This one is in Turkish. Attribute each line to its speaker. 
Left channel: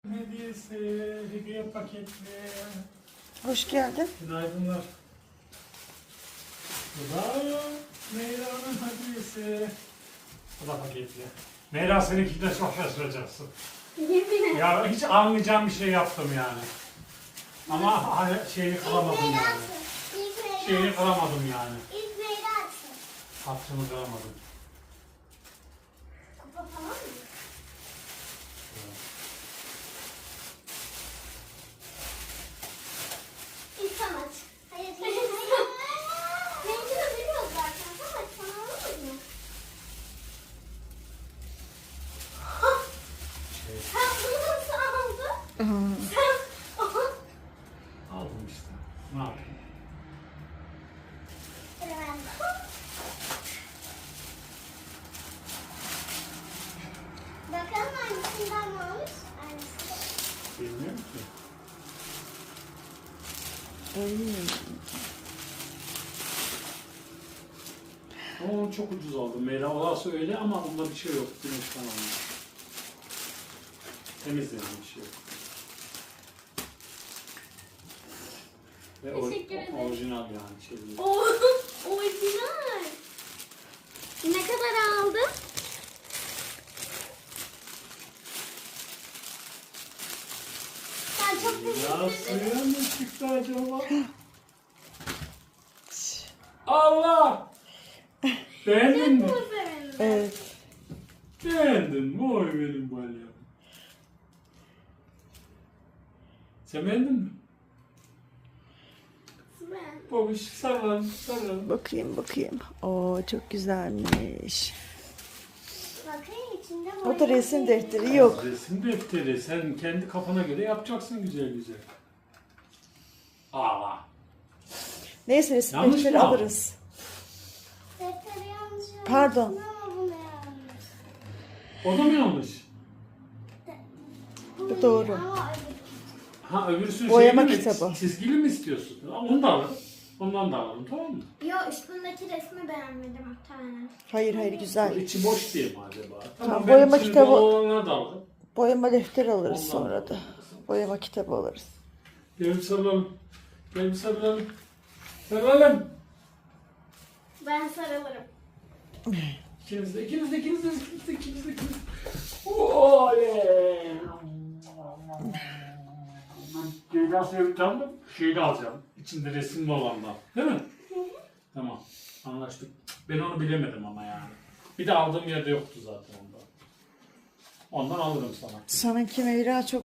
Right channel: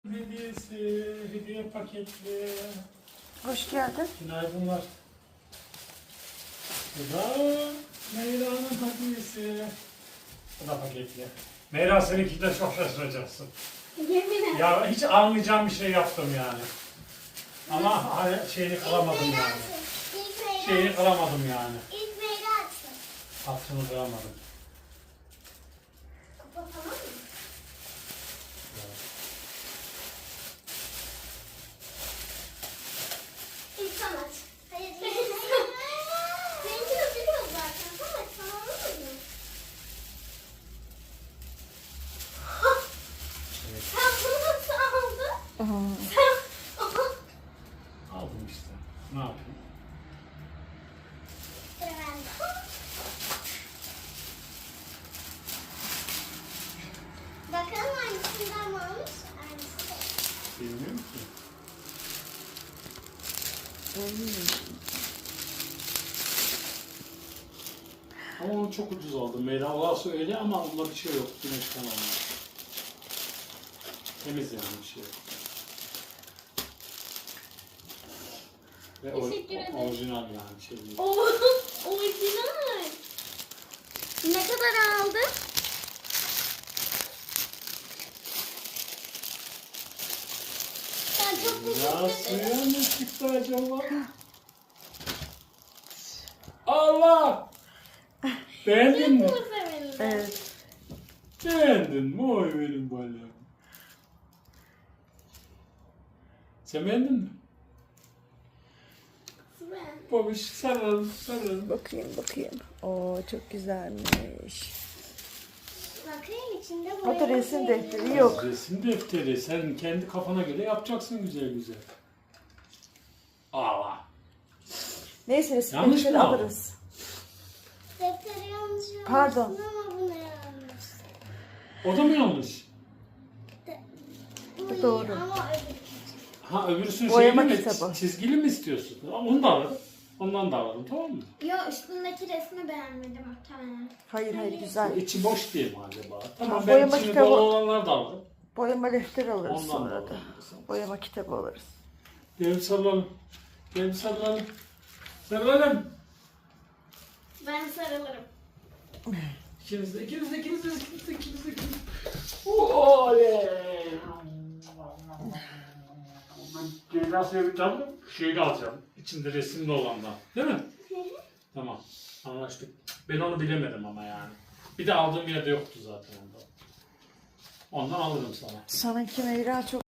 Speaker 1: Hediyesi, hediye paketli.
Speaker 2: Hoş geldin.
Speaker 1: Günaydınlar. Bu da Meyra'nın hediyesi. Bu da paketli. Meyra seninki de çok şaşıracaksın.
Speaker 3: Yemin et.
Speaker 1: Ya hiç anlayacağım bir şey yaptım yani. Ama şeyini kıramadım yani. Şeyini kıramadım yani.
Speaker 3: İlk Meyra açsın.
Speaker 1: Hattını kıramadım.
Speaker 3: Kapatamam mı? İlk sen aç. Hayır. Benimki de biliyoruz zaten. Sen aç. Sana olur mu? Sen bunu nasıl aldın? Sen...
Speaker 1: Aldım işte. Ne yapayım?
Speaker 3: Sıra bende. Bakalım hangisinden mi almış? Hangisi?
Speaker 1: Bilmiyorum ki. Ama onu çok ucuz aldım. Meyra olası öyle ama onda bir şey yok. Güneşten almış. Temiz yani bir şey yok. Ve
Speaker 3: Teşekkür ederim.
Speaker 1: orijinal yani bir şey değil.
Speaker 3: Oo, orijinal. Ne kadar aldın? Ben çok
Speaker 1: Ya
Speaker 3: teşekkür ederim.
Speaker 1: suya mı çıktı acaba? Allah! Beğendin mi?
Speaker 3: Çok sevindim.
Speaker 2: Evet.
Speaker 1: Beğendin mi? Oy benim balyam. Sen beğendin mi?
Speaker 3: Ben.
Speaker 1: Babiş sarılın, sarılın.
Speaker 2: Bakayım. Oo çok güzelmiş.
Speaker 3: Bakayım içinde
Speaker 2: O da resim defteri yok.
Speaker 1: Resim defteri. Sen kendi kafana göre yapacaksın güzel güzel. Aa.
Speaker 2: Neyse resim
Speaker 1: Yanlış
Speaker 2: defteri
Speaker 1: mı aldın?
Speaker 2: alırız.
Speaker 3: Defteri yanlış yapmışsın
Speaker 2: Pardon.
Speaker 3: ama bu ne yanlış?
Speaker 1: O da mı yanlış?
Speaker 3: Bu
Speaker 2: Bu
Speaker 3: iyi
Speaker 2: doğru.
Speaker 3: ama öbür.
Speaker 1: Ha öbürsünün
Speaker 2: Boyama
Speaker 1: şeyini mi?
Speaker 2: kitabı.
Speaker 1: Çizgili mi istiyorsun? Onu da alırım. Ondan da alırım, tamam mı?
Speaker 3: Yo üstündeki resmi beğenmedim muhtemelen.
Speaker 2: Hayır güzel.
Speaker 1: İçi boş diye mi acaba? Tamam,
Speaker 2: Tamam,
Speaker 1: ben
Speaker 2: boyama
Speaker 1: içini
Speaker 2: kitabı-
Speaker 1: dolu olanlar da alırım.
Speaker 2: Boyama defteri alırız
Speaker 1: Ondan
Speaker 2: sonra da.
Speaker 1: alırım.
Speaker 2: Boyama kitabı alırız.
Speaker 1: Gel sarılalım. Gel sarılalım. Sarılalım.
Speaker 3: Ben sarılırım.
Speaker 1: İkiniz de. Oley. Ceyda seveceğim mi? Şeyini alacağım. İçinde resimli olandan. Değil mi? Tamam. Anlaştık. Ben onu bilemedim ama yani. Bir de aldığım yerde yoktu zaten onda. Ondan alırım sana.
Speaker 2: Sanki Meyra çok